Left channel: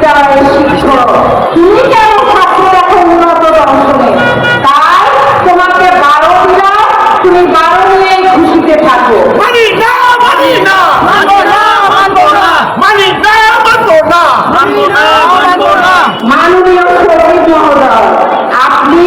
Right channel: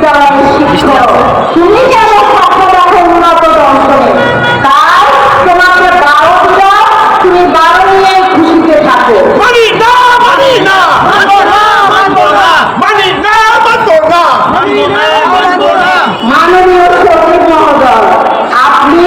বিশ্ববিদ্যালয়ের শিক্ষক। কেন ছাত্র দেখো উন্নত দর্শনে তাই তোমাকে বারো দিলাম তুমি বারো নিয়ে খুশিতে থাকো। মাননীয় সচিব মহোদয় আপনি